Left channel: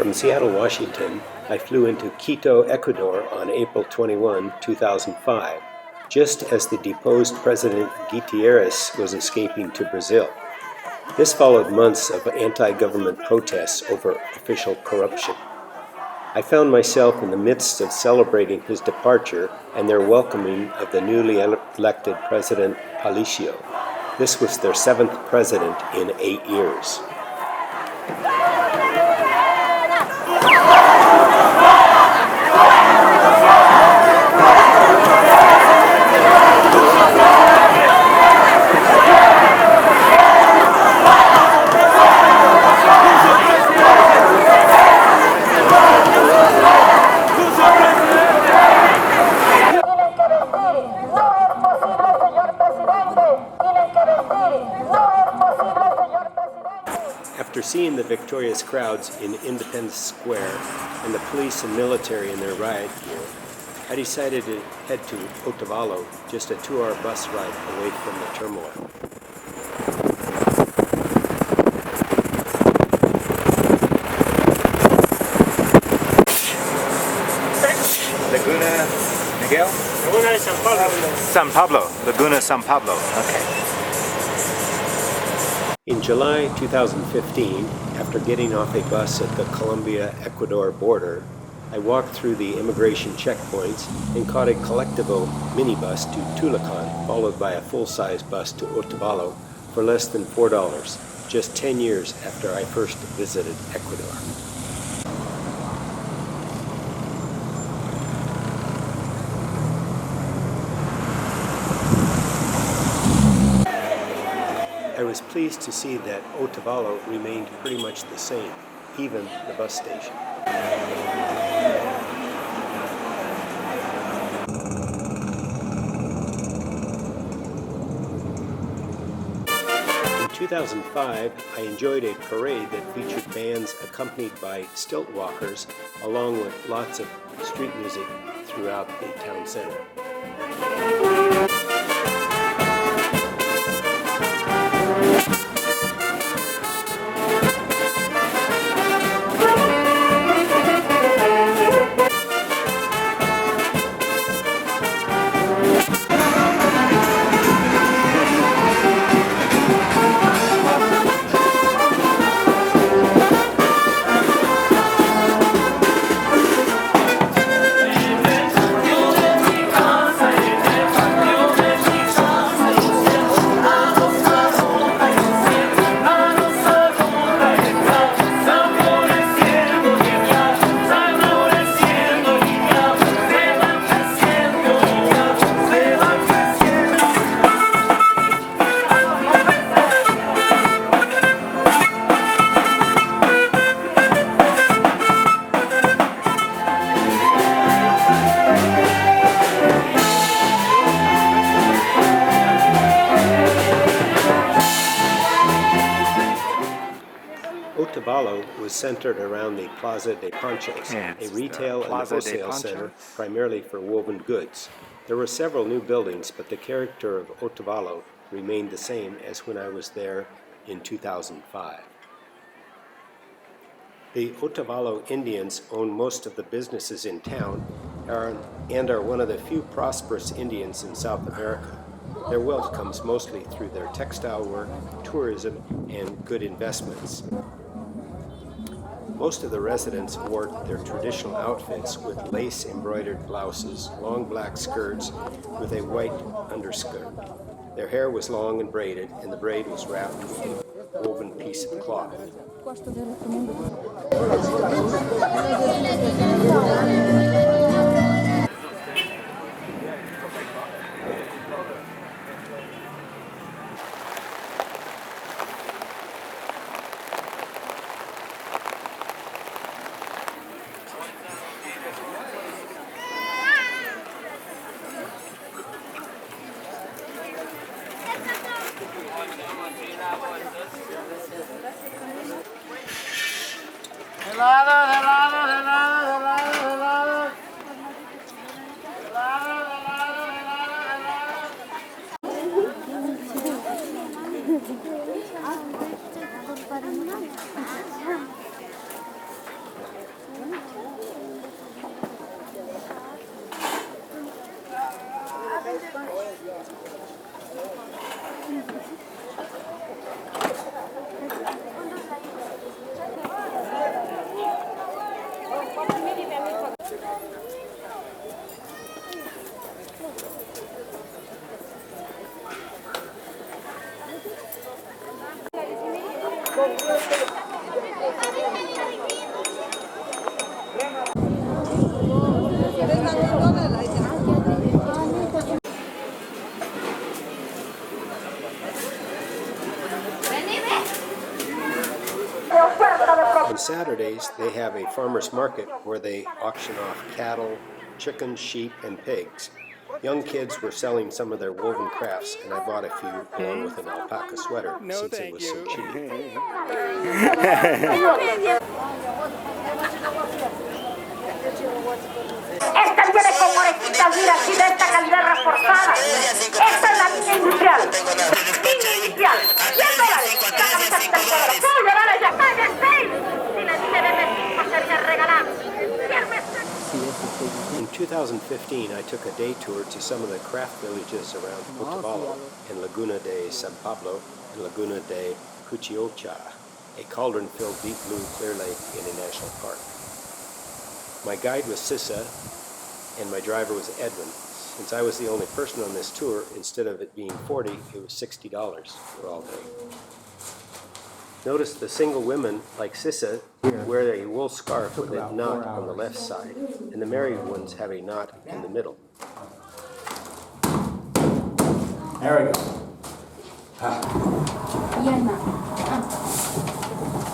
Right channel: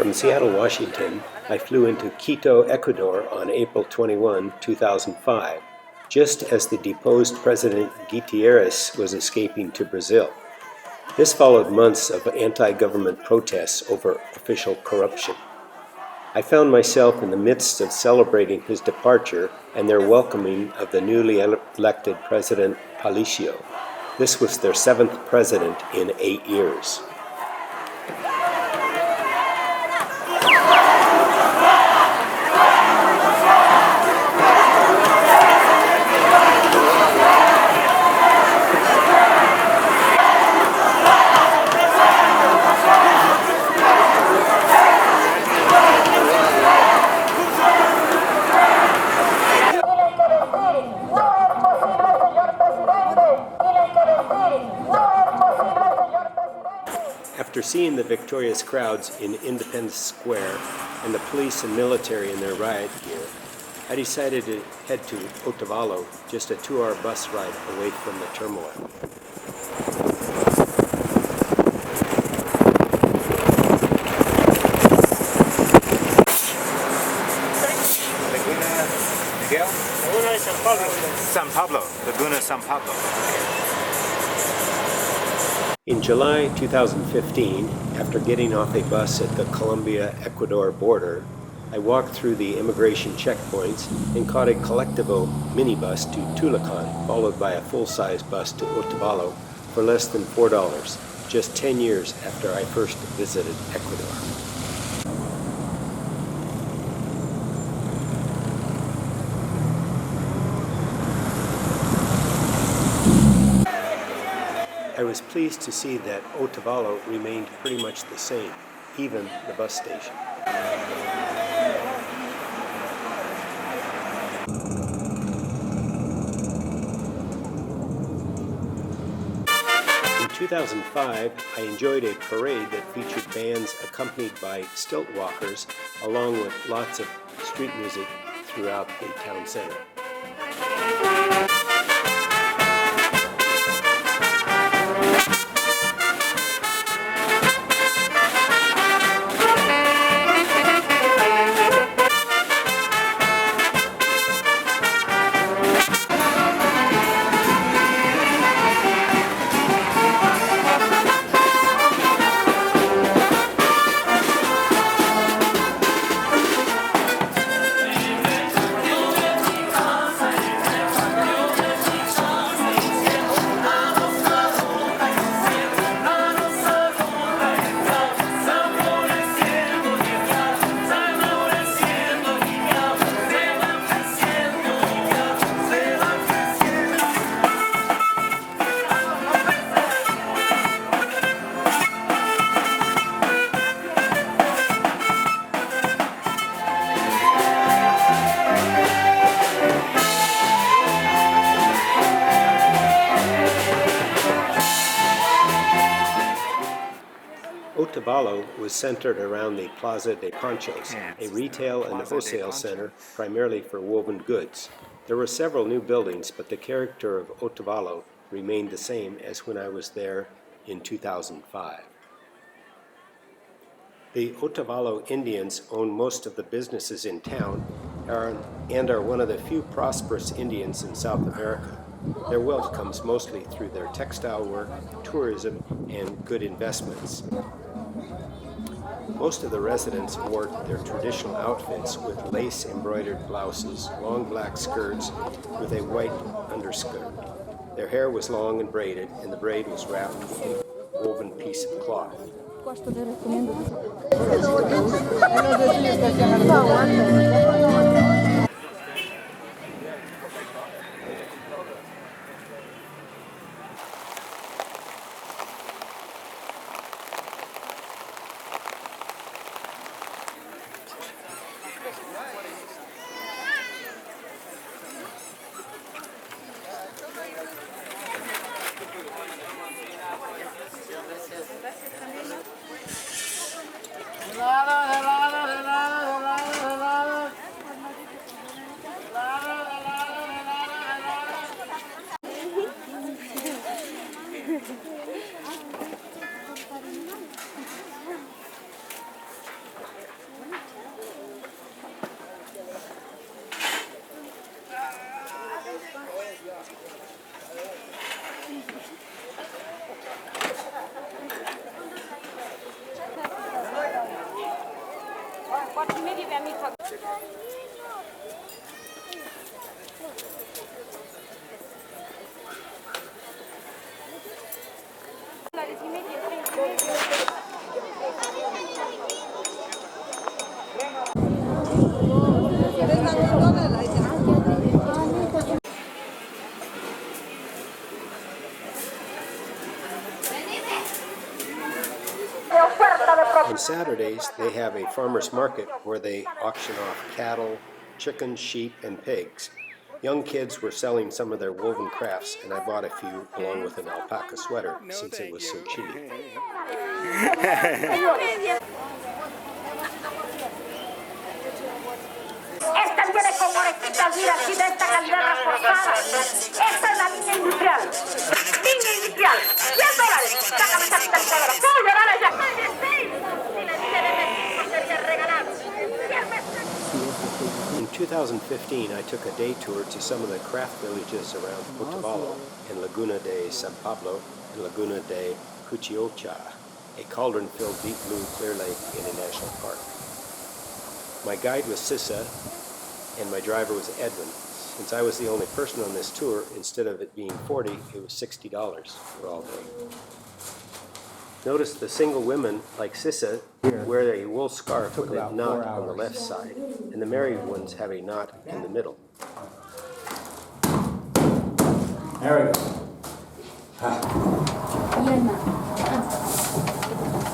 From Seattle, Washington, I flew into Quito, Ecuador on April 21, 2005, just as the deposed President Guitierrez was escaping to Brazil. This followed months of anti-government protests over official corruption. I found myself in the midst of celebrating his departure and their welcoming of the newly elected President Palicio. This was their 7th president in 8 years. After seeing the victorious crowds in Independence Square and the police and military in their riot gear, I decided to head to Otavalo, just a 2-hour bus ride away from the turmoil. Laguna Miguel? Laguna San Pablo. San Pablo. Laguna San Pablo. Okay. In July 2015, after getting off a bus at the Colombia-Ecuador border, I walked through the immigration checkpoints and caught a Colectivo minibus to Tulacan, followed by a full-size bus to Otavalo for less than $4, just 10 years after I first visited Ecuador. I was pleased to see that Otavalo remained pretty much the same, even the bus station. In 2005, I enjoyed a parade that featured bands accompanied by stilt walkers, along with lots of street music throughout the town center. Otavalo was centered around the Plaza de Ponchos, a retail and wholesale center primarily for woven goods. There were several new buildings, but the character of Otavalo remained the same as when I was there in 2005. The Otavalo Indians own most of the businesses in town and are one of the few prosperous Indians in South America. Their wealth comes mostly through their textile work, tourism, and good investments. Most of the residents wore their traditional outfits with lace-embroidered blouses, long black skirts with a white underskirt. Their hair was long and braided, and the braid was wrapped with a woven piece of cloth. On Saturdays, they have a farmer's market where they auction off cattle, chickens, sheep, and pigs. Young kids were selling some of their woven crafts, and I bought a few along with an alpaca sweater since it was so cheap. Esta viene con orejitas, mira, aquí de esta calidad reforzada. Esta es la línea industrial. Línea industrial. $100. Sácame esa calidad. $100 ya. ¡Pague 6! Si le dije de México, sería regalado. In 2015, I took a day tour to some of the craft villages around Otavalo and Laguna de San Pablo and Laguna de Cuchiocha, a cauldron-filled deep blue clear lake in a national park. My guide was Sissa, and my driver was Edwin. Since I was the only person on this tour, instead of it being $40, it was $60 for all day. Notice the single women, like Sissa, wear a wool scarf with a knot on the left side, and the married ones have a knot in the middle. There we go.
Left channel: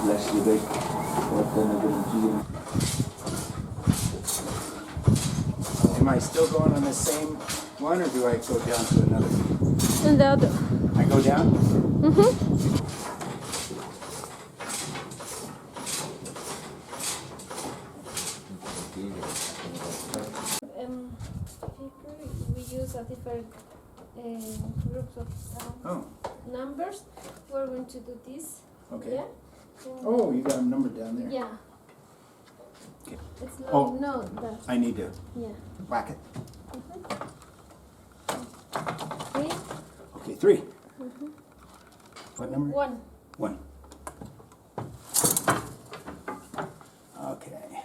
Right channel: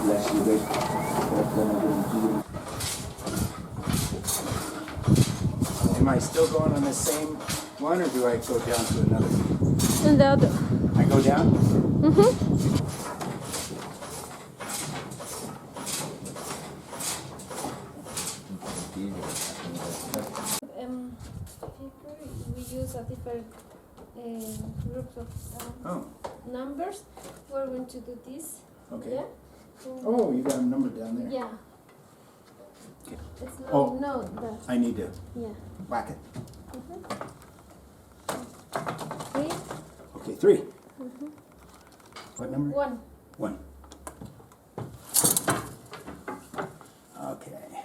Bless you, baby. Am I still going on the same one, or do I go down to another? And the other. I go down? Mm-hmm. We use a different groups of numbers. We're going to do this. Okay. Yeah? Oh, you got a number down there. Yeah. Okay. It's not, Oh. no, that. I need to Yeah. whack it. Three. Okay, 3. What number? 1. 1. Okay.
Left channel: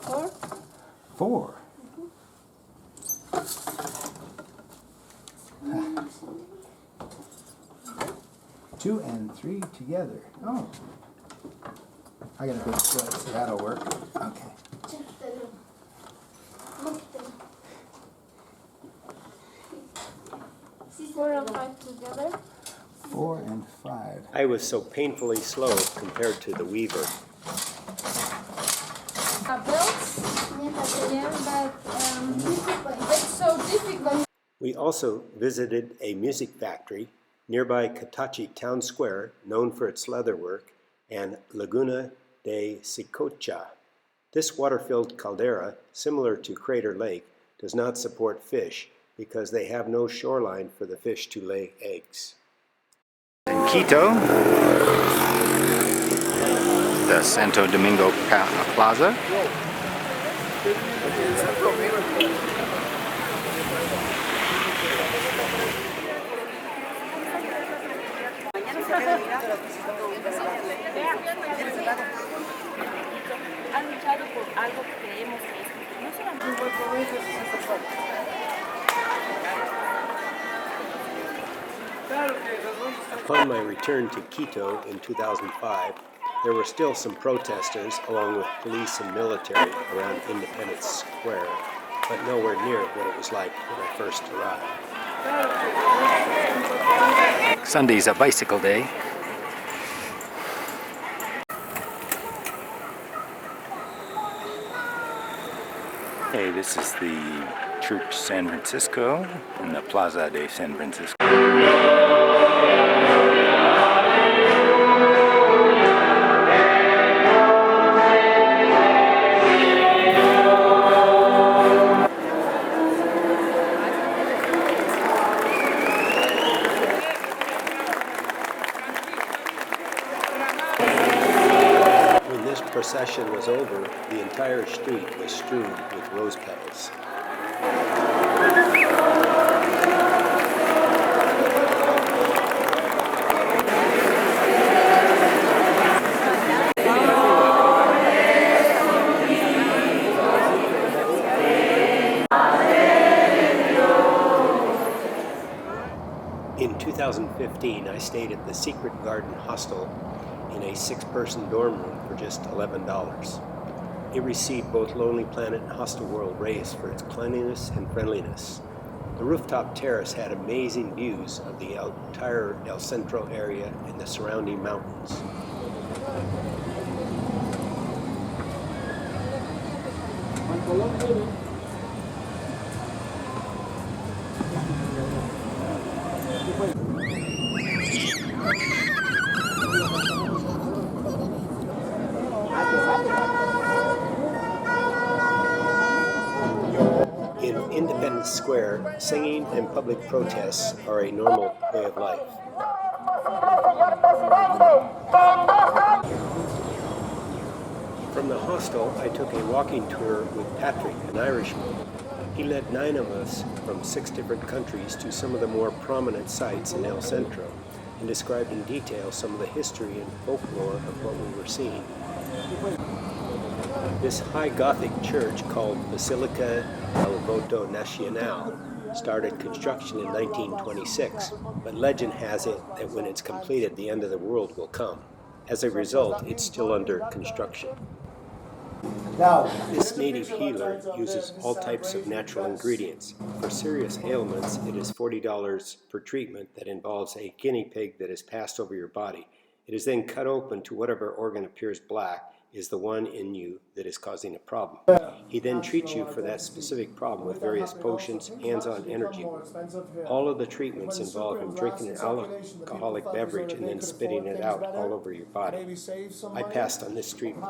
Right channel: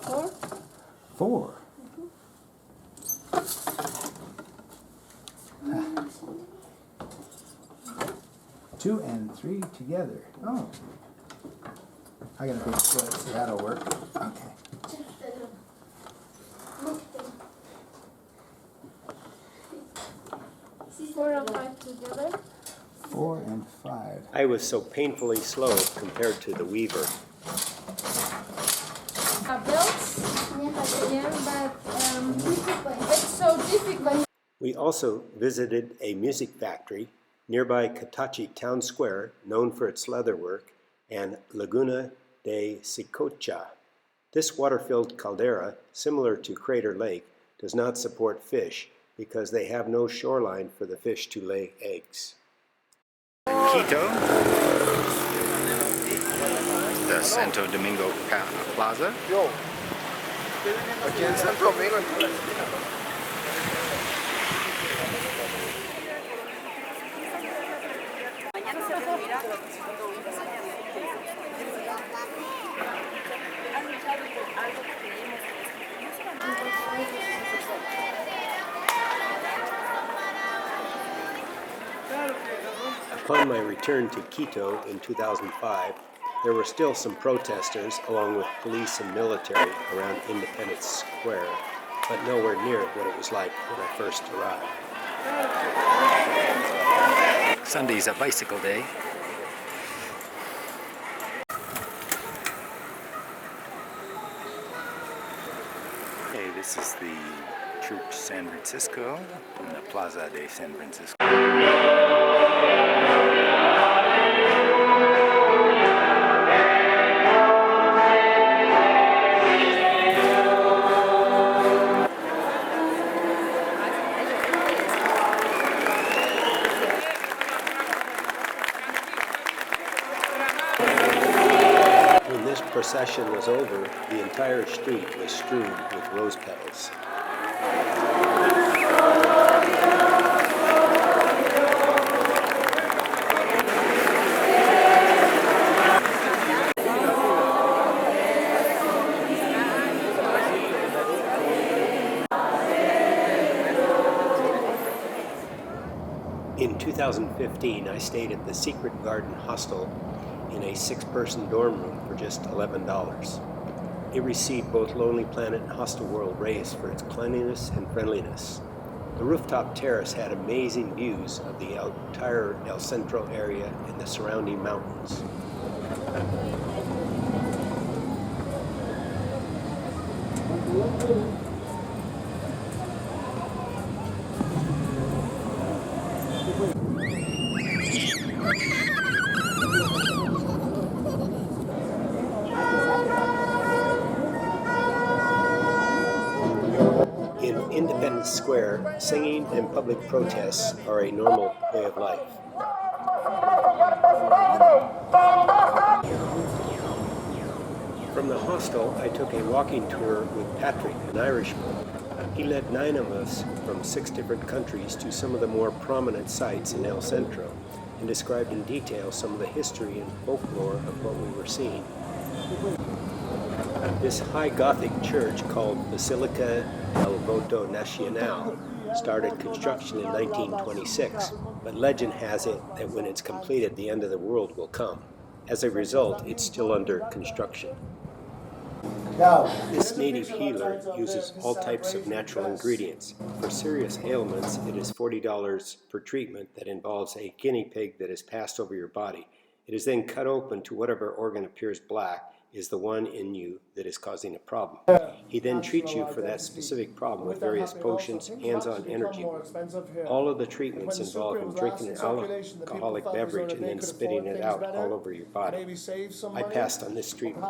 4. 4. 2 and 3 together. Oh. I got a big foot, so that'll work. Okay. 4 and 5 together. 4 and 5. I was so painfully slow compared to the weaver. Belts. Yeah, but it's so difficult. We also visited a music factory nearby Catachi Town Square, known for its leatherwork, and Laguna de Sicocha. This water-filled caldera, similar to Crater Lake, does not support fish because they have no shoreline for the fish to lay eggs. Quito, the Santo Domingo Plaza. Upon my return to Quito in 2005, there were still some protesters along with police and military around Independence Square, but nowhere near what it was like when I first arrived. Sunday's a bicycle day. Hey, this is the Church San Francisco in the Plaza de San Francisco. When this procession was over, the entire street was strewn with rose petals. In 2015, I stayed at the Secret Garden Hostel in a 6-person dorm room for just $11. It received both Lonely Planet and Hostel World raves for its cleanliness and friendliness. The rooftop terrace had amazing views of the entire El Centro area and the surrounding mountains. In Independence Square, singing and public protests are a normal way of life. From the hostel, I took a walking tour with Patrick, an Irishman. He led 9 of us from 6 different countries to some of the more prominent sites in El Centro and described in detail some of the history and folklore of what we were seeing. This high Gothic church called Basilica del Voto Nacional started construction in 1926, but legend has it that when it's completed, the end of the world will come. As a result, it's still under construction. This native healer uses all types of natural ingredients. For serious ailments, it is $40 per treatment that involves a guinea pig that is passed over your body. It is then cut open to whatever organ appears black is the one in you that is causing a problem. He then treats you for that specific problem with various potions, hands-on energy work. All of the treatments involve him drinking an alcoholic beverage and then spitting it out all over your body. I passed on this treatment.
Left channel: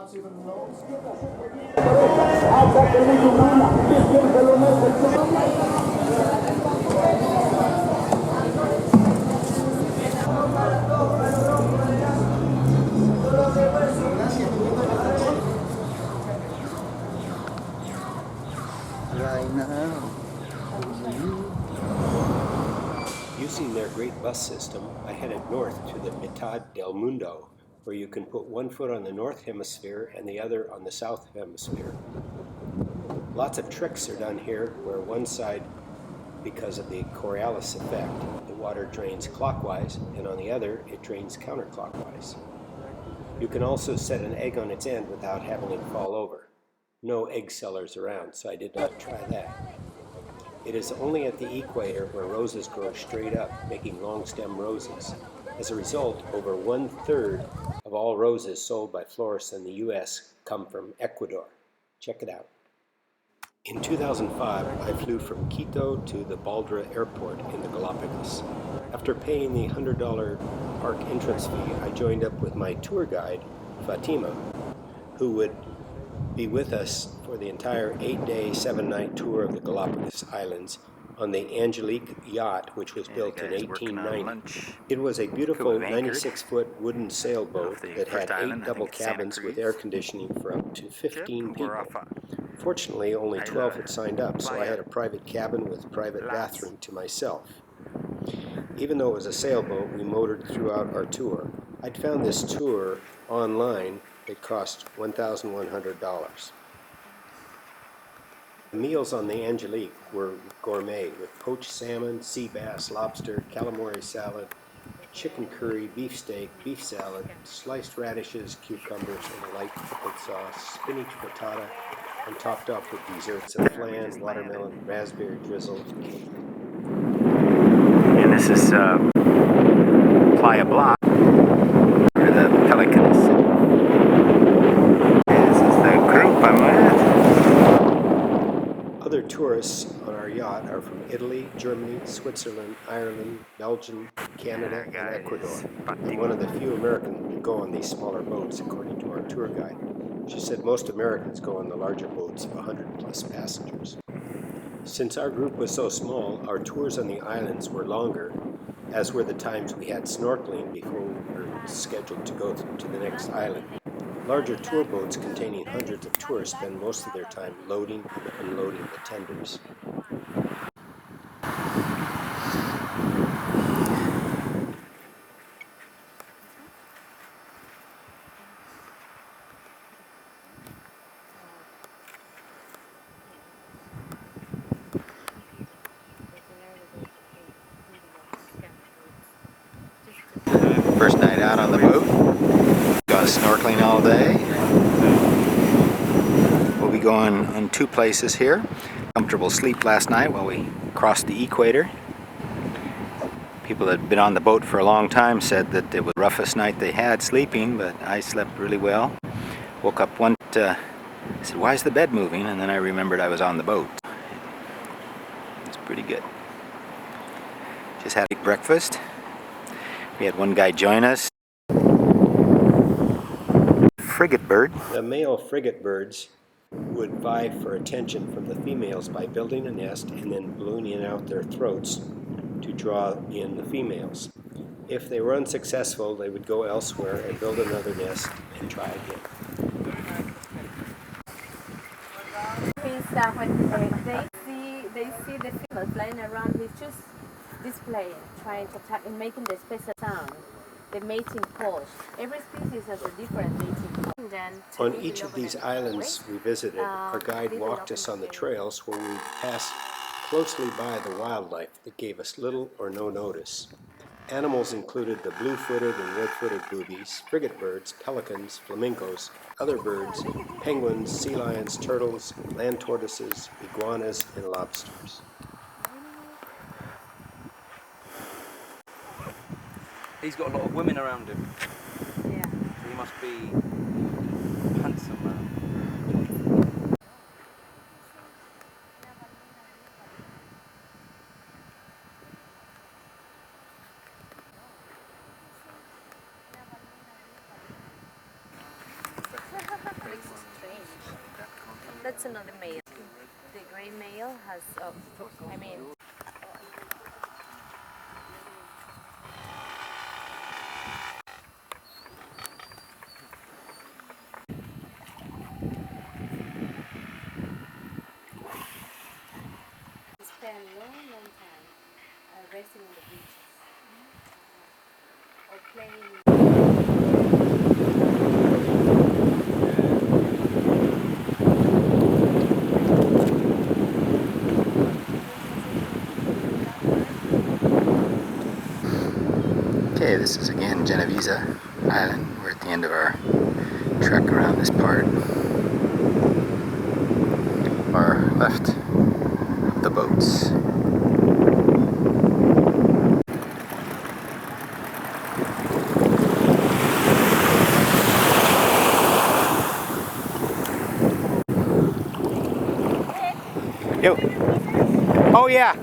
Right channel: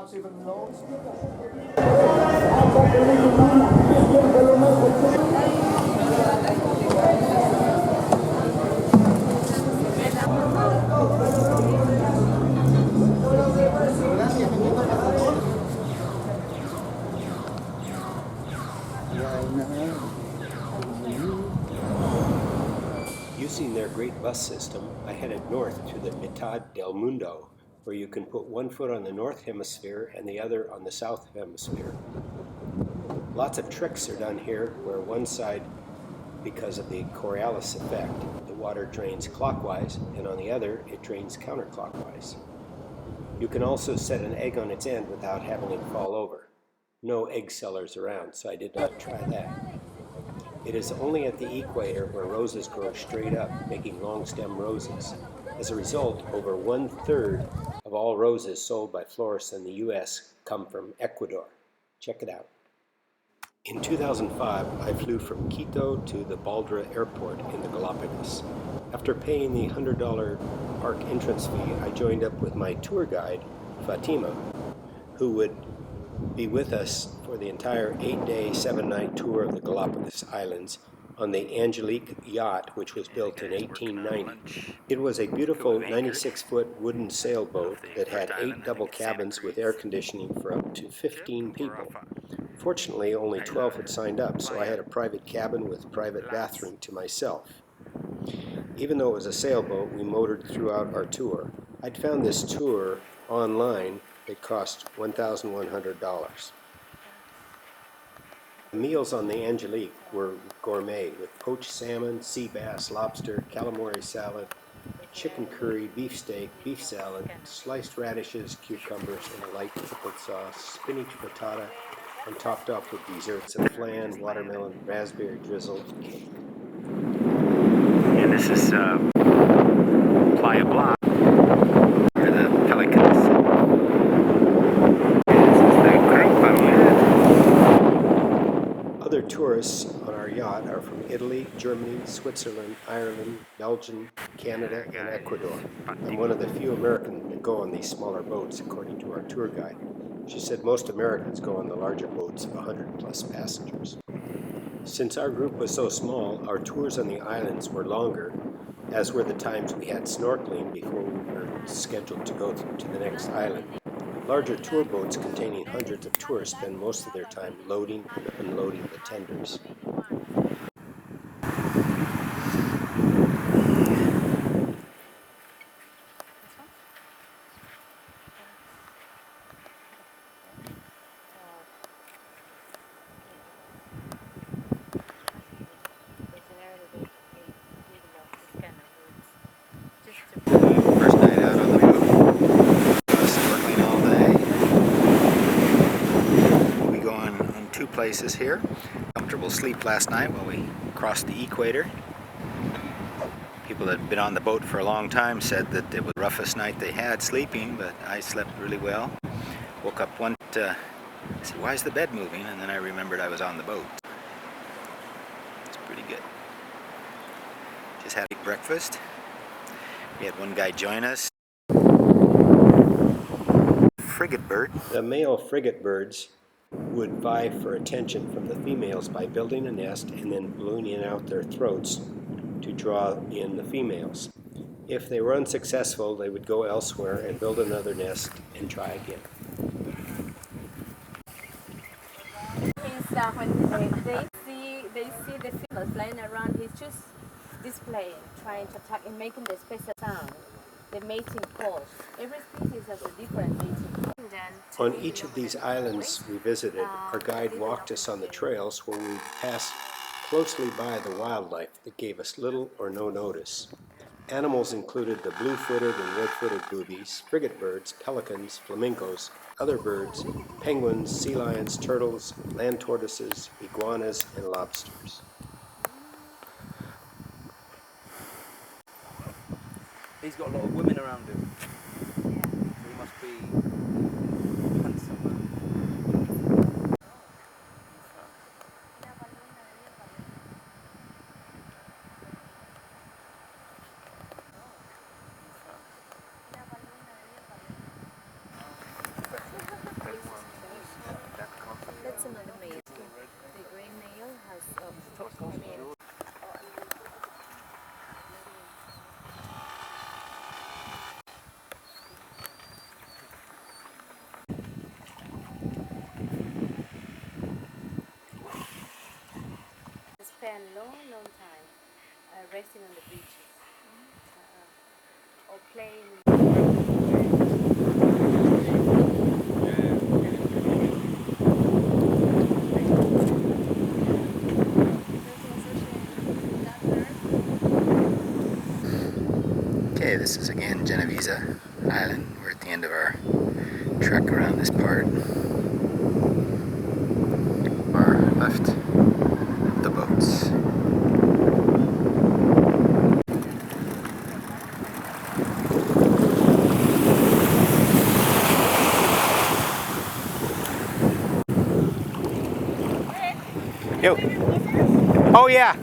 Using their great bus system, I headed north to the Mitad del Mundo, where you can put one foot on the north hemisphere and the other on the south hemisphere. Lots of tricks are done here, where one side, because of the Coriolis effect, the water drains clockwise, and on the other, it drains counterclockwise. You can also set an egg on its end without having it fall over. No egg sellers around, so I did not try that. It is only at the equator where roses grow straight up, making long stem roses. As a result, over 1/3 of all roses sold by florists in the U.S. come from Ecuador. Check it out. In 2005, I flew from Quito to the Baldra Airport in the Galapagos. After paying the $100 park entrance fee, I joined up with my tour guide, Fatima, who would be with us for the entire 8-day, 7-night tour of the Galapagos Islands on the Angelique yacht, which was built in 1890. It was a beautiful 96-foot wooden sailboat that had 8 double cabins with air conditioning for up to 15 people. Fortunately, only 12 had signed up, so I had a private cabin with private bathroom to myself. Even though it was a sailboat, we motored throughout our tour. I'd found this tour online. It cost $1,100. The meals on the Angelique were gourmet, with poached salmon, sea bass, lobster, calamari salad, chicken curry, beef steak, beef salad, sliced radishes, cucumbers, and a light pickled sauce, spinach frittata, and topped off with desserts of flan, watermelon, raspberry drizzle, and cake. And this is Playa Block, where the Pelicans sit. This is the group I'm with. Other tourists on our yacht are from Italy, Germany, Switzerland, Ireland, Belgium, Canada, and Ecuador. I'm one of the few Americans that go on these smaller boats, according to our tour guide. She said most Americans go on the larger boats of 100-plus passengers. Since our group was so small, our tours on the islands were longer, as were the times we had snorkeling before we were scheduled to go to the next island. Larger tour boats containing hundreds of tourists spend most of their time loading and unloading the tenders. First night out on the boat. Gone snorkeling all day. We'll be going on 2 places here. Comfortable sleep last night while we crossed the equator. People that had been on the boat for a long time said that it was the roughest night they had sleeping, but I slept really well. Woke up I said, why is the bed moving? And then I remembered I was on the boat. It's pretty good. Just had a breakfast. We had one guy join us. Frigate Bird. The male frigate birds would vie for attention from the females by building a nest and then ballooning out their throats to draw in the females. If they were unsuccessful, they would go elsewhere and build another nest and try again. When they see the females flying around, he's just displaying, trying to attack and making the special sound, the mating call. Every species has a different mating call. On each of these islands we visited, our guide walked us on the trails where we would pass closely by the wildlife that gave us little or no notice. Animals included the blue-footed and red-footed boobies, frigate birds, pelicans, flamingos, other birds, penguins, sea lions, turtles, land tortoises, iguanas, and lobsters. He's got a lot of women around him. Yeah. So he must be a handsome man. That's another male. The gray male has, spend long time resting on the beaches or playing. Okay, this is again Genovese Island. We're at the end of our trek around this part. Far left of the boats. Yo. Oh yeah.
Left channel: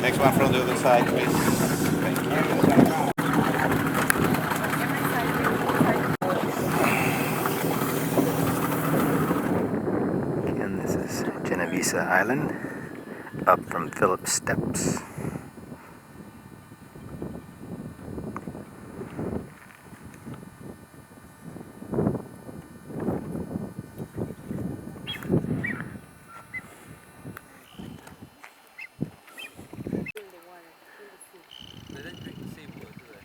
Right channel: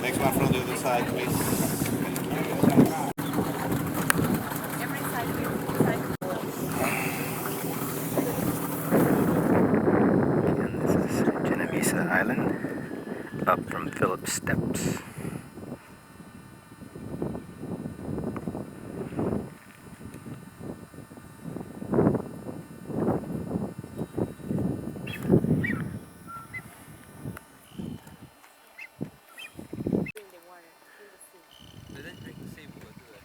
Next one from the other side, please. Thank you. Again, this is Genovese Island, up from Phillips Steps. They don't drink the seawater, do they?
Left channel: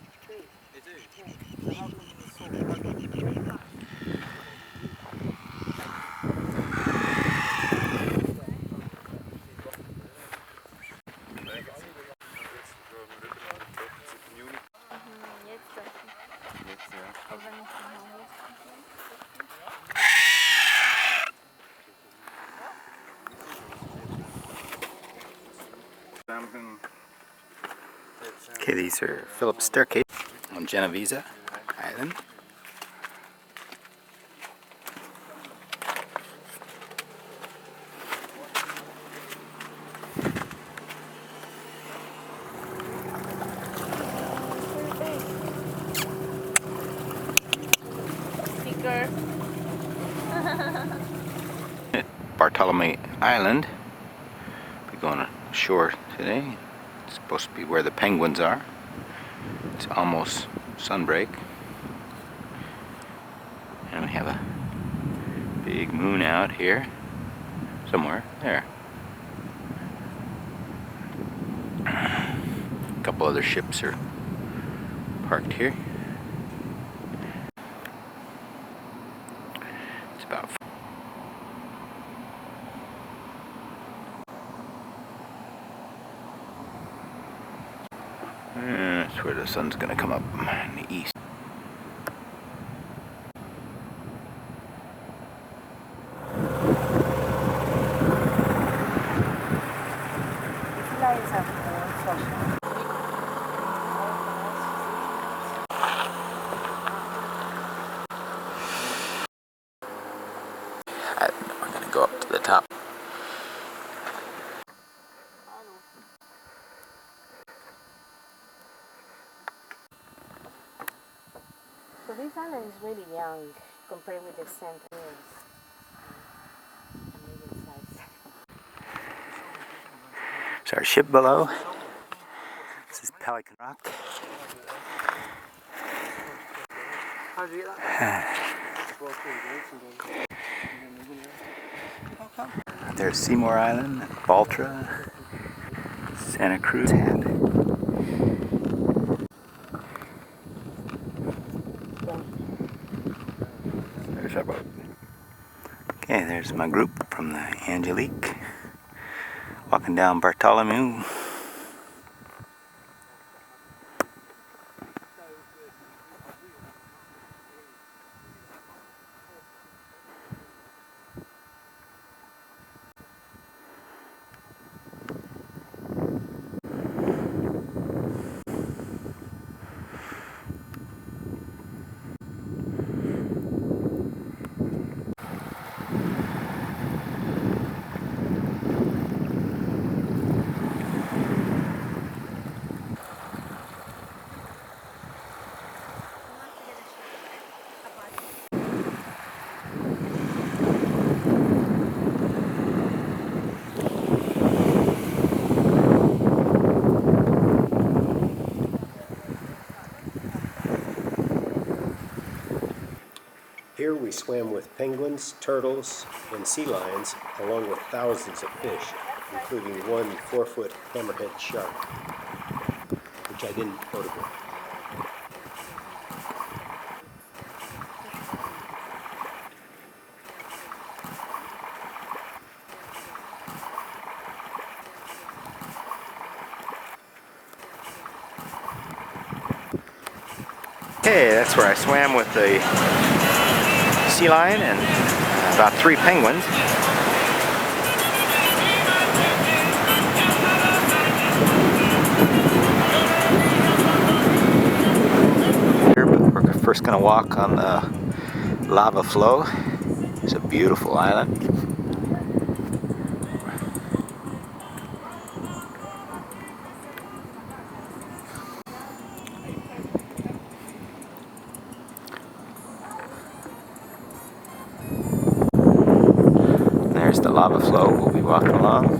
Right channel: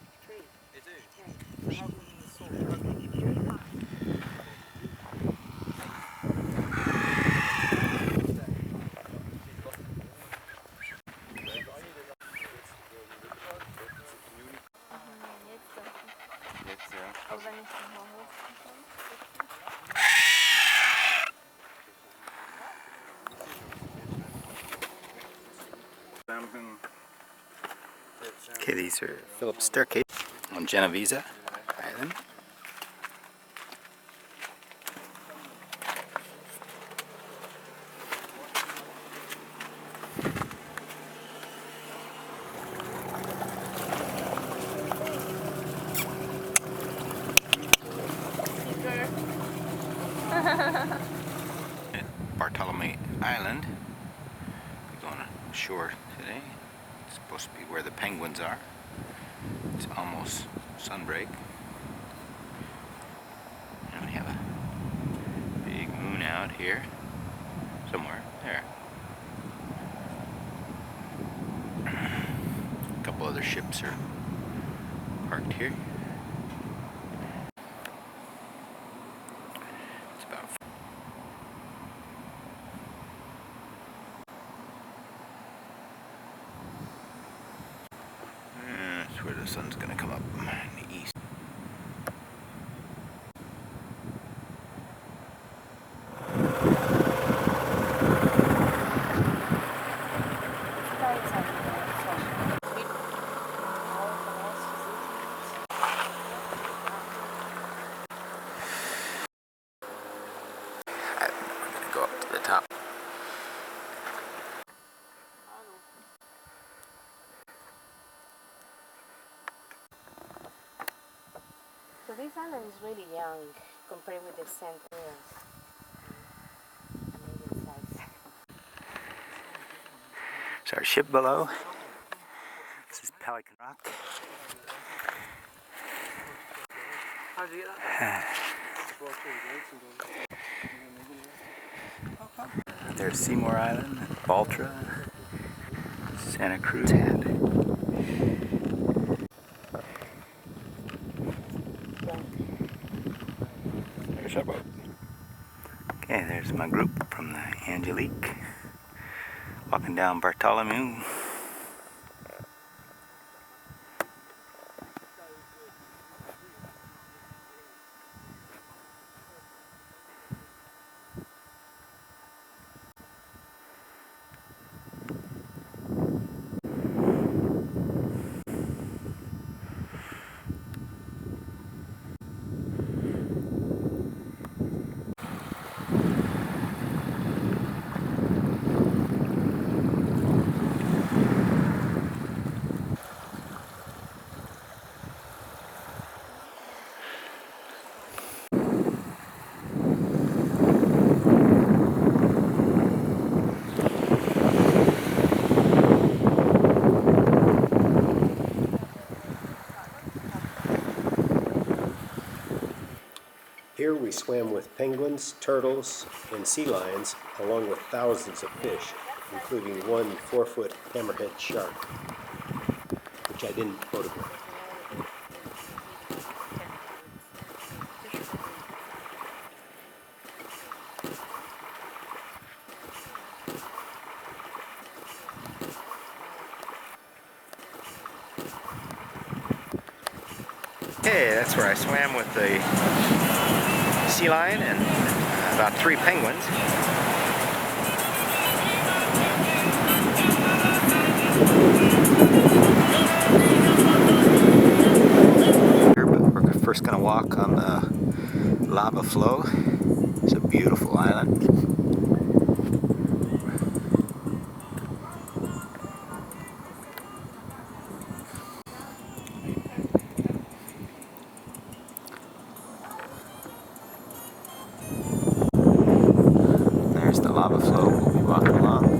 They do? Yeah. So how come the salt? How come Okay, these are Phillips Staircase on Genovese Island. Bartolome Island. We're going ashore today. It's supposed to be where the penguins are. It's almost sunbreak. And we have a big moon out here. Somewhere. There. A couple other ships are parked here. It's about that's where the sun's gonna come up in the east. We're gonna go up to the top. So this island is really young compared with the St. Louis. Medium size. It's our ship below. This is Pelican Rock. How did you get that? There's Seymour Island, Baltra, Santa Cruz Hat. There's our boat. Okay, there's my group from the Angelique. Walking down Bartholomew. Here we swam with penguins, turtles, and sea lions, along with thousands of fish, including one 4-foot hammerhead shark, which I didn't photograph. Okay, that's where I swam with the sea lion and about 3 penguins. But we're first going to walk on the lava flow. It's a beautiful island. There's the lava flow we'll be walking along.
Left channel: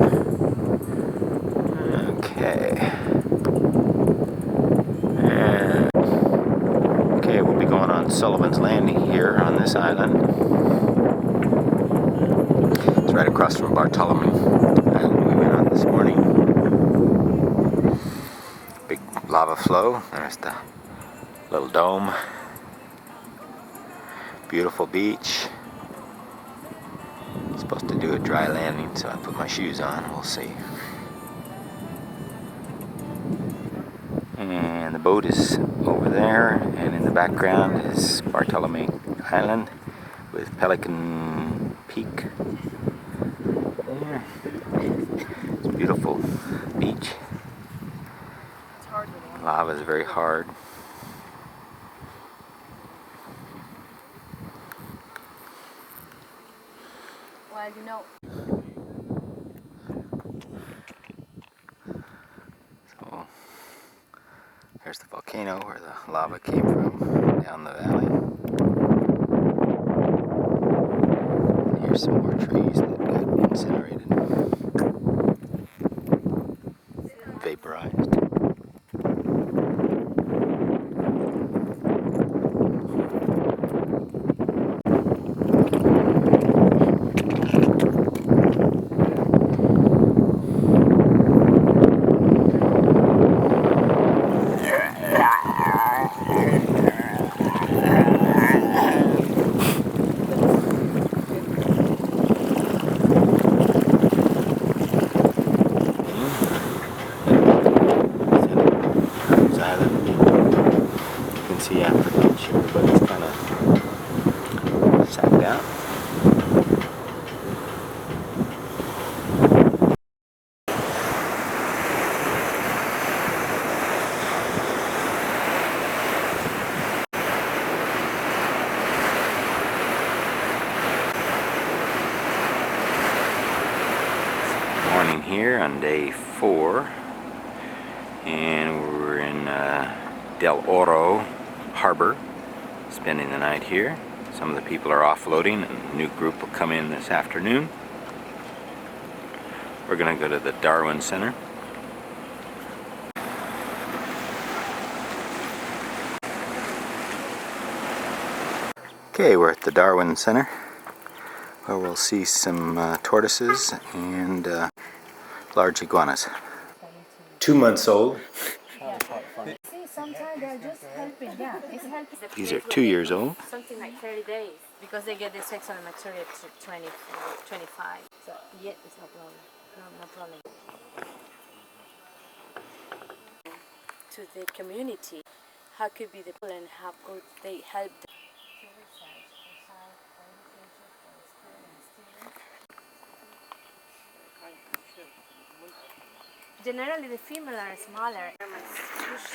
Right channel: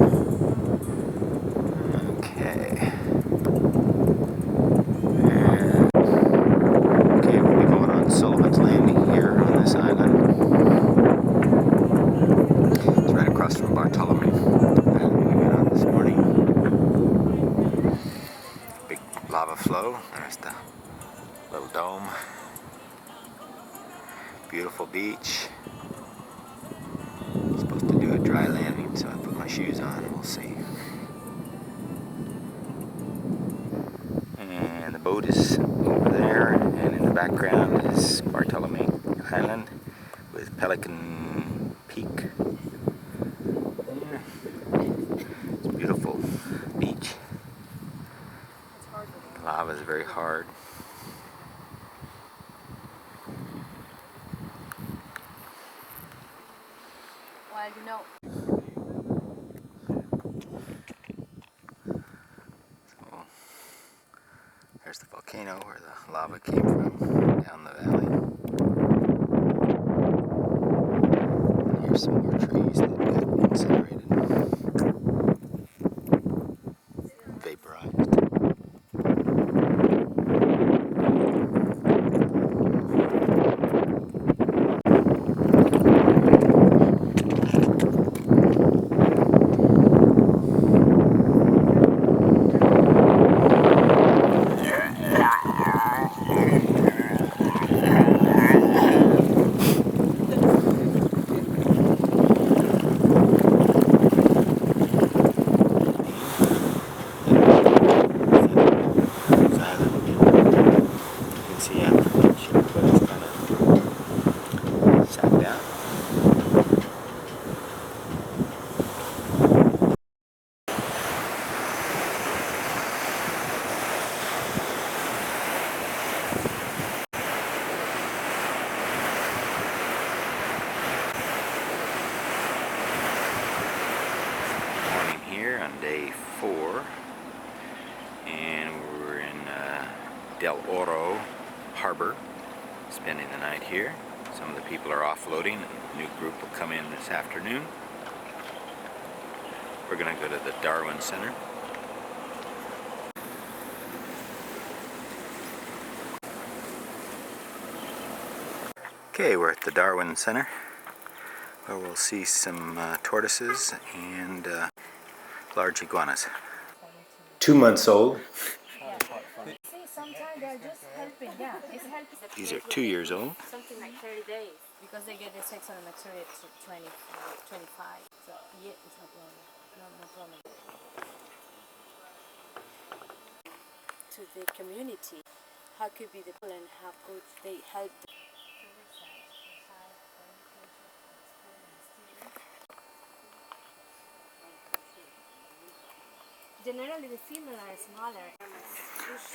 Okay. And okay, we'll be going on Sullivan's Landing here on this island. It's right across from Bartholomew Island we went on this morning. Big lava flow. There's the little dome. Beautiful beach. Supposed to do a dry landing, so I put my shoes on. We'll see. And the boat is over there, and in the background is Bartholomew Island with Pelican Peak. Yeah. It's a beautiful beach. The lava is very hard. Well, you know. So there's the volcano where the lava came from, down the valley. And here's some more trees that got incinerated, vaporized. Island again. You can see after lunch everybody's kind of sat down. Morning here on day 4, and we're in Del Oro Harbor, spending the night here. Some of the people are offloading, and a new group will come in this afternoon. We're going to go to the Darwin Center. Okay, we're at the Darwin Center, where we'll see some tortoises and large iguanas. 2 months old. Sometimes they're just helping, yeah. It's helping. These are 2 years old. Something like 30 days because they get the sexual maturity at 25. So yeah, it's no problem. No problem. To the community, how could be the people and how could they help them? Generally, the female are smaller.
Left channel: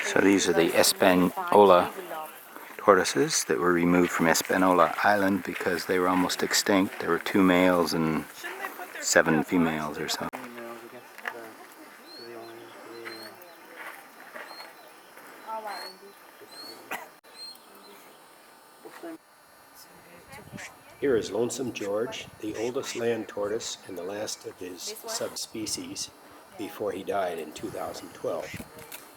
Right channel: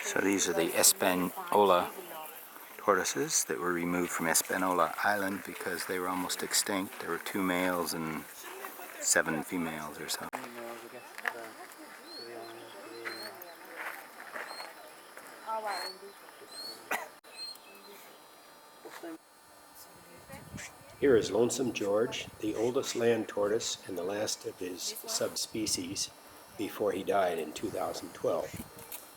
So these are the Espanola tortoises that were removed from Espanola Island because they were almost extinct. There were 2 males and 7 females or so. Here is Lonesome George, the oldest land tortoise and the last of his subspecies before he died in 2012.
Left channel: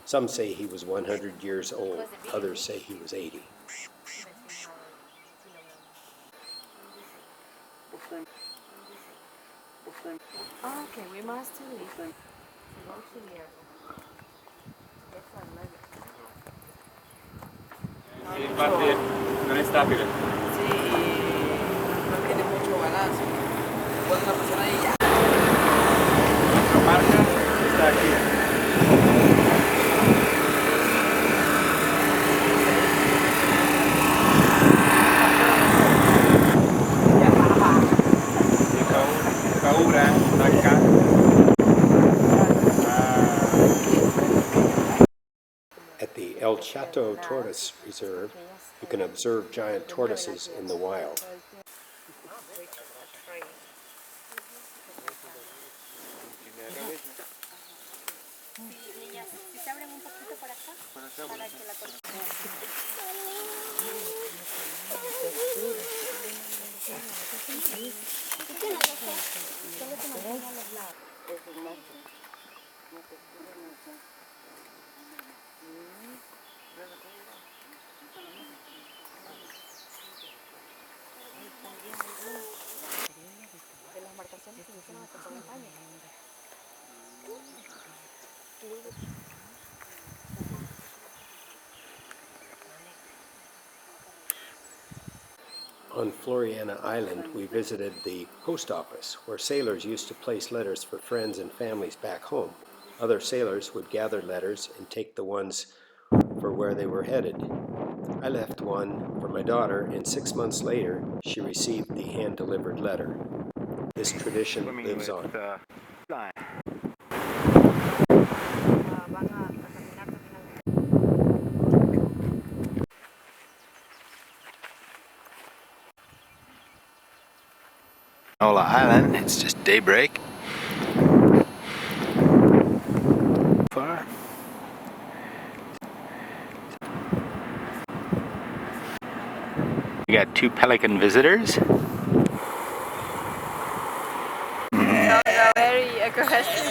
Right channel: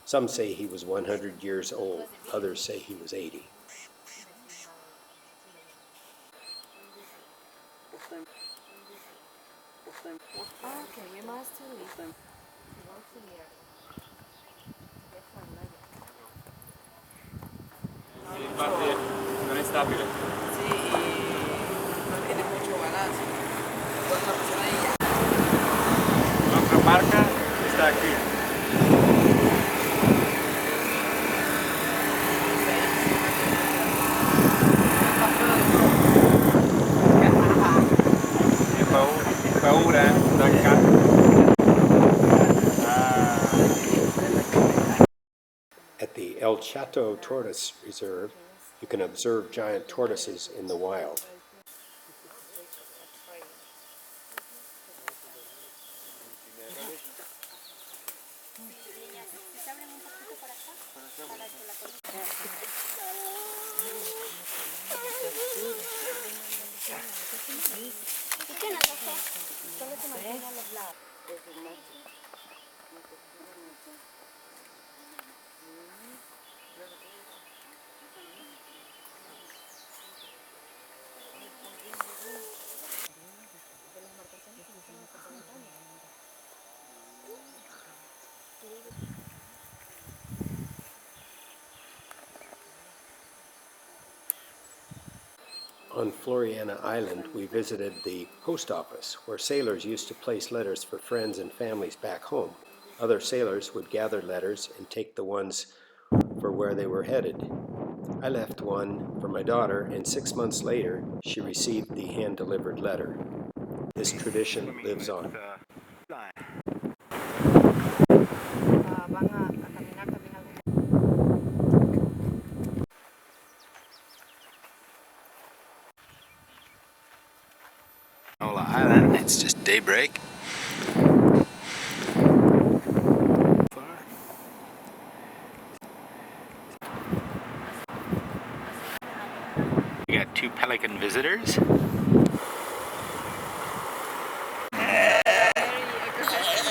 Some say he was 100 years old, others say he was 80. Okay, we must leave. Infatti non è stabile. Sí, y no tiene mucho balance. Cuando una persona ya. Nuestra marca está aquí. Paura, da carica. At the El Chato Tortoise Reserve, you can observe giant tortoises in the wild. On Floriana Island, we visited the post office, where sailors used to place letters for friends and families back home. Other sailors would gather letters and take the ones for where they were headed. I left one for my daughter, and 6 months later, she received the hand-delivered letter. This tradition lives on. Espanola Island, it's just daybreak. Far. We got 2 pelican visitors. Very aggressive.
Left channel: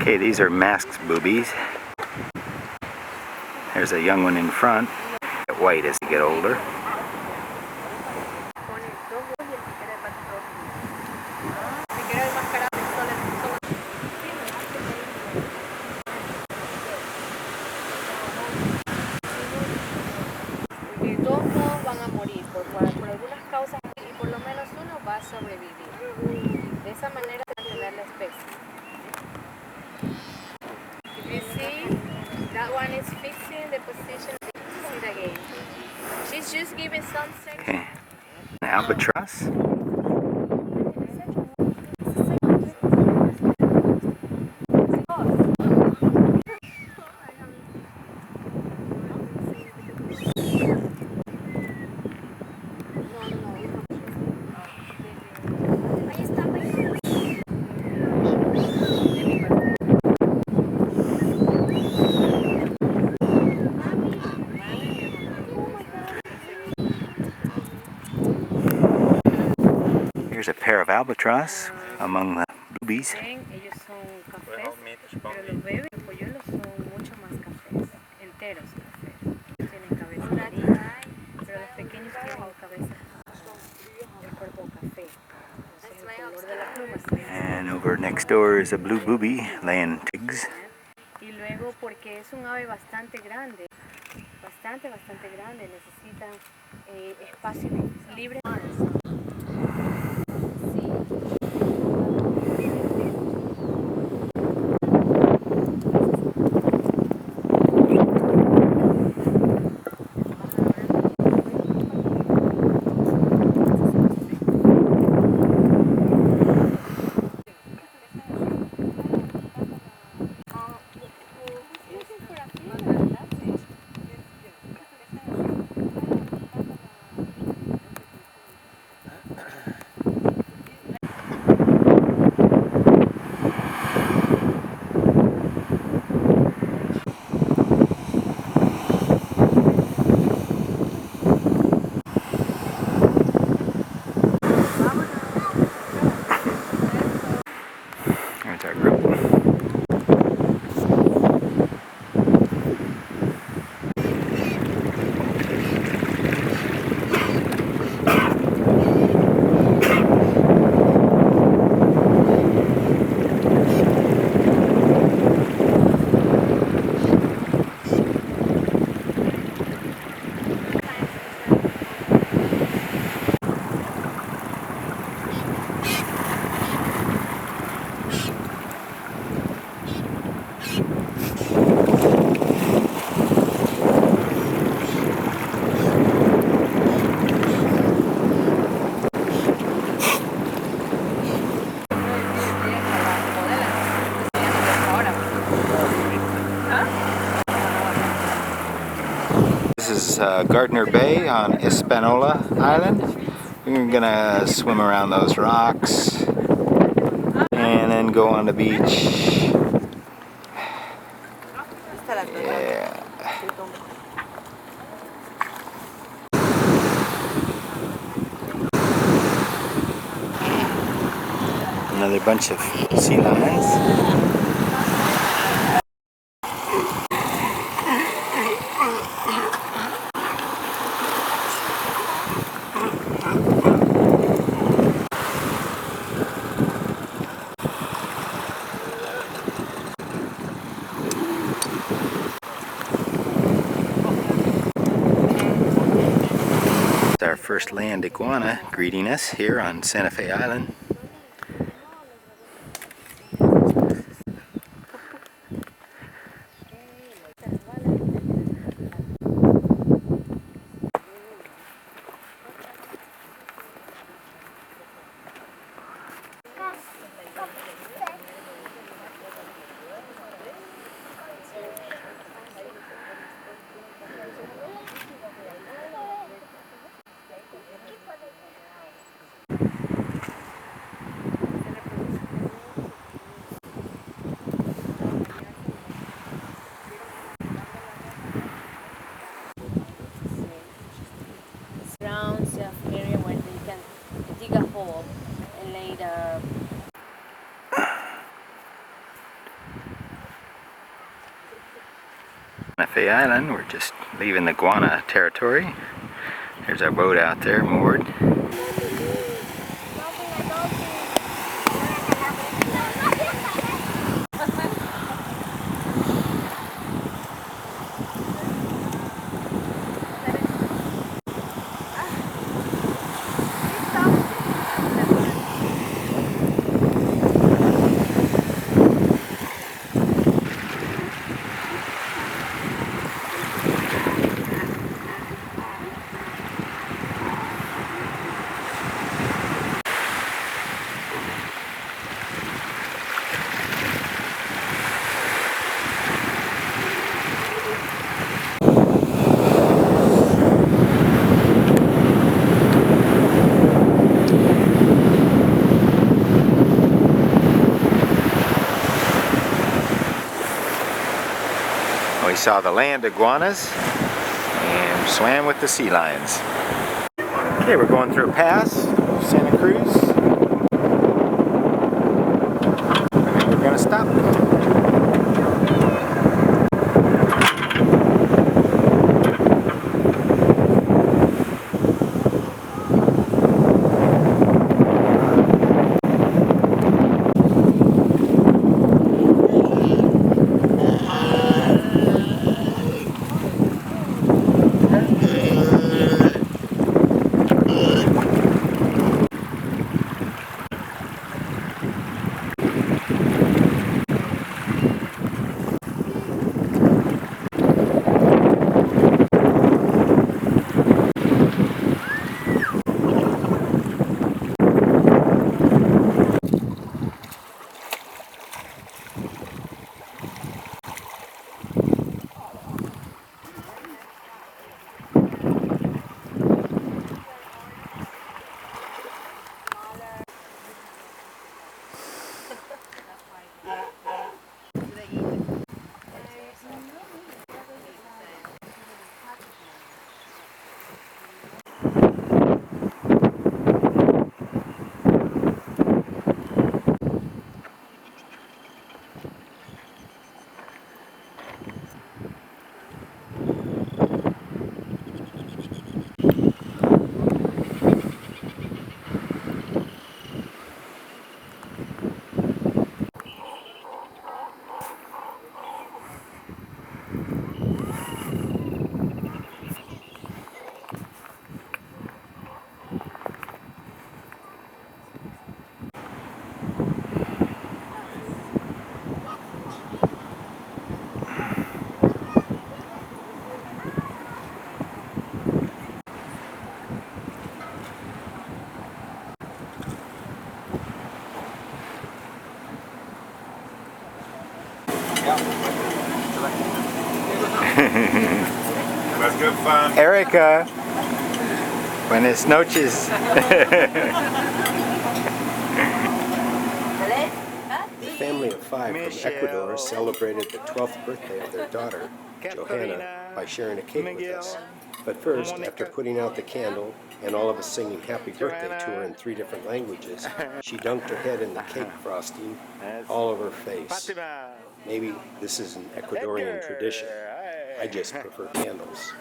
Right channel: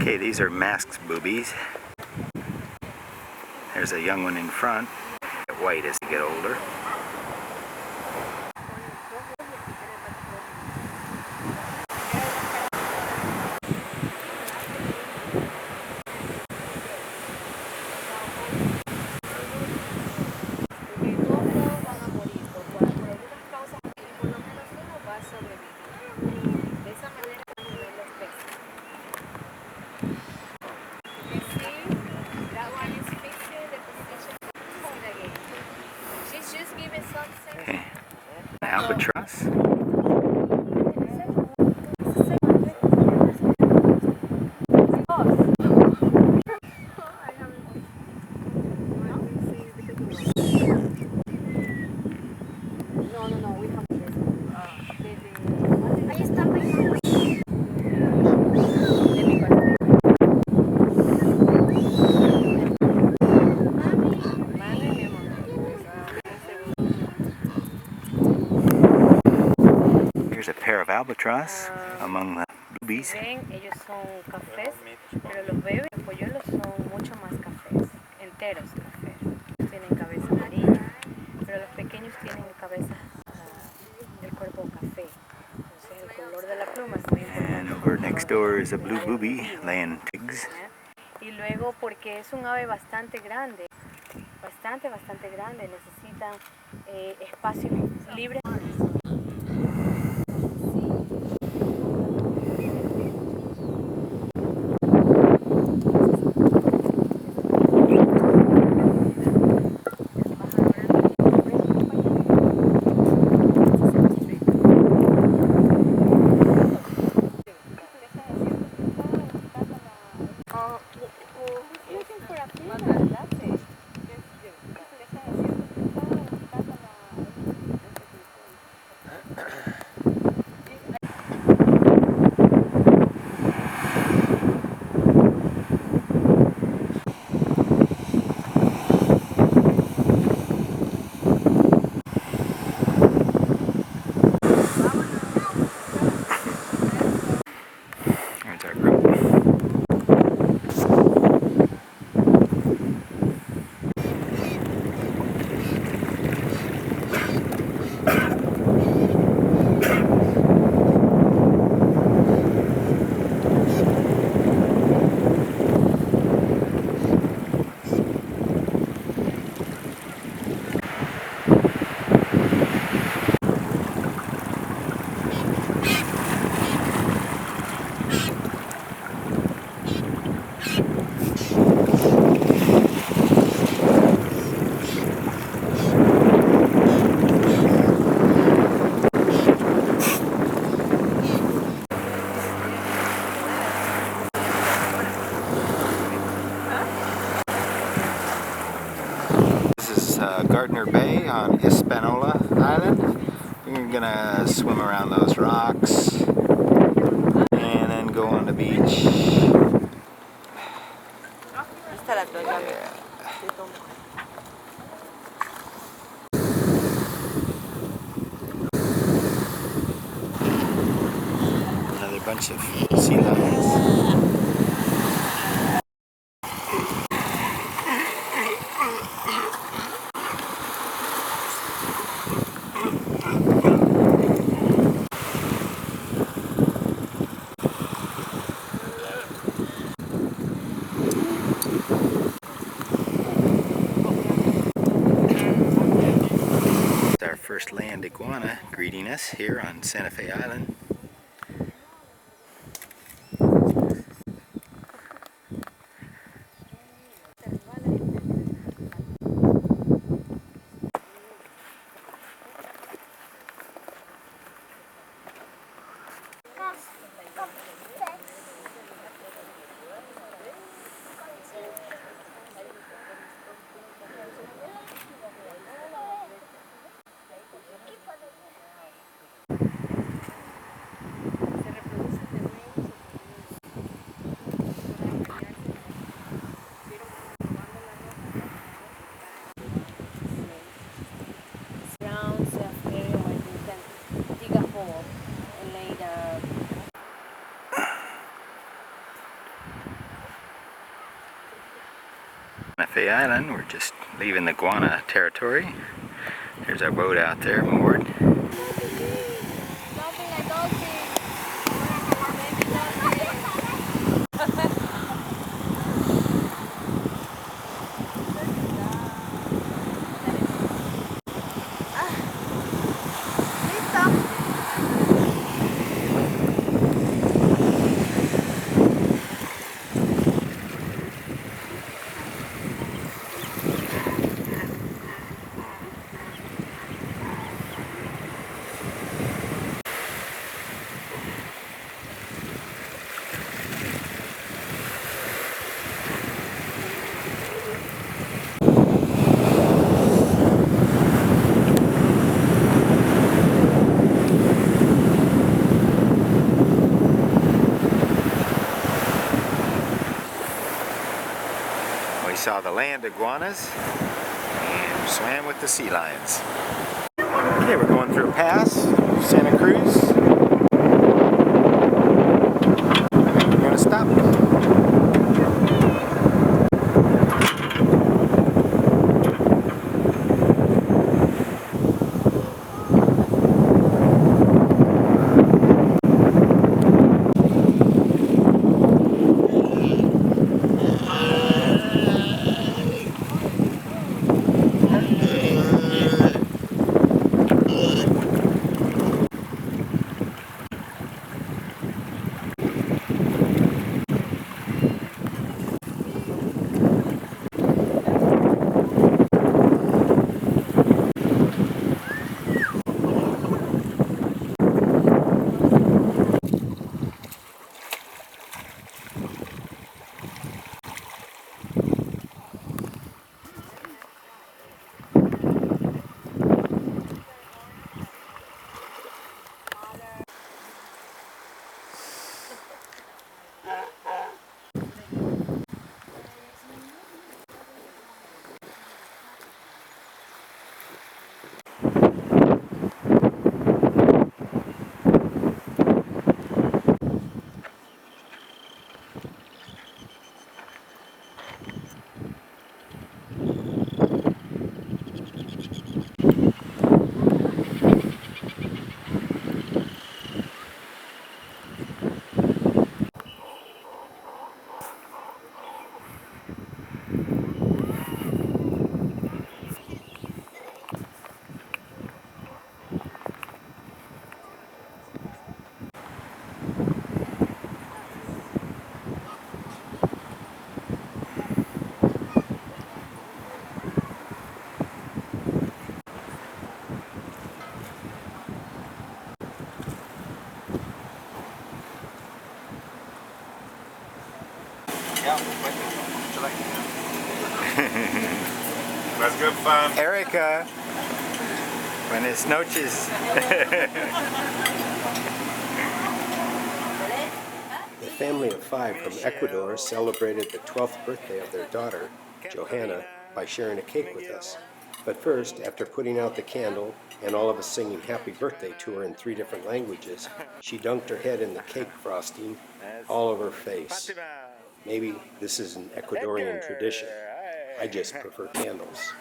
Okay, these are masked boobies. There's a young one in front. Get white as they get older. esa manera de mantener la especie. If you see, that one is fixing the position of the again. She's just giving some sense. Okay. An albatross. No, we have to. Ahí está bailando. De mi parte. Mami, mi amor. Here's a pair of albatross among the boobies. Ven, ellos son cafés, pero los bebés, los polluelos son mucho más cafés, enteros cafés. Tienen cabeza amarilla, pero los pequeños tienen cabeza, el cuerpo café. Entonces el color de la pluma es muy importante. And over next door is a blue booby laying pigs. Y luego porque es un ave bastante grande, bastante grande, necesitan espacios libres. There's our group. This is Gardner Bay on Espanola Island. We're gonna swim around those rocks and then go on the beach. Yeah. Another bunch of sea lions. Our first land iguana greeting us here on Santa Fe Island. Surrounds the area where they can dig a hole and lay the Santa Fe Island, we're just leaving the iguana territory. There's our boat out there moored. We saw the land iguanas and swam with the sea lions. Okay, we're going through a pass, Santa Cruz. We're gonna stop. That's good fun. Erica, buenas noches. The family of 5 from Ecuador celebrated the 12th birthday of their daughter, Johanna, by sharing a cake with us. But first, after putting out the candle and all of us singing happy birthday to her in 3 different languages, she dunked her head in the cake frosting all over her face. Maybe this is an Ecuadorian tradition. I just prefer candles.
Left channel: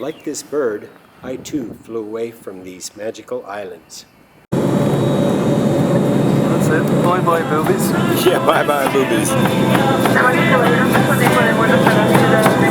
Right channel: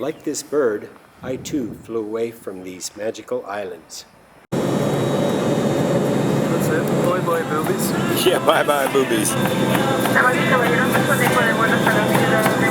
Like this bird, I too flew away from these magical islands. That's it. Bye-bye, boobies. Yeah, bye-bye, boobies. Damas y caballeros, nos ponemos de vuelo para la ciudad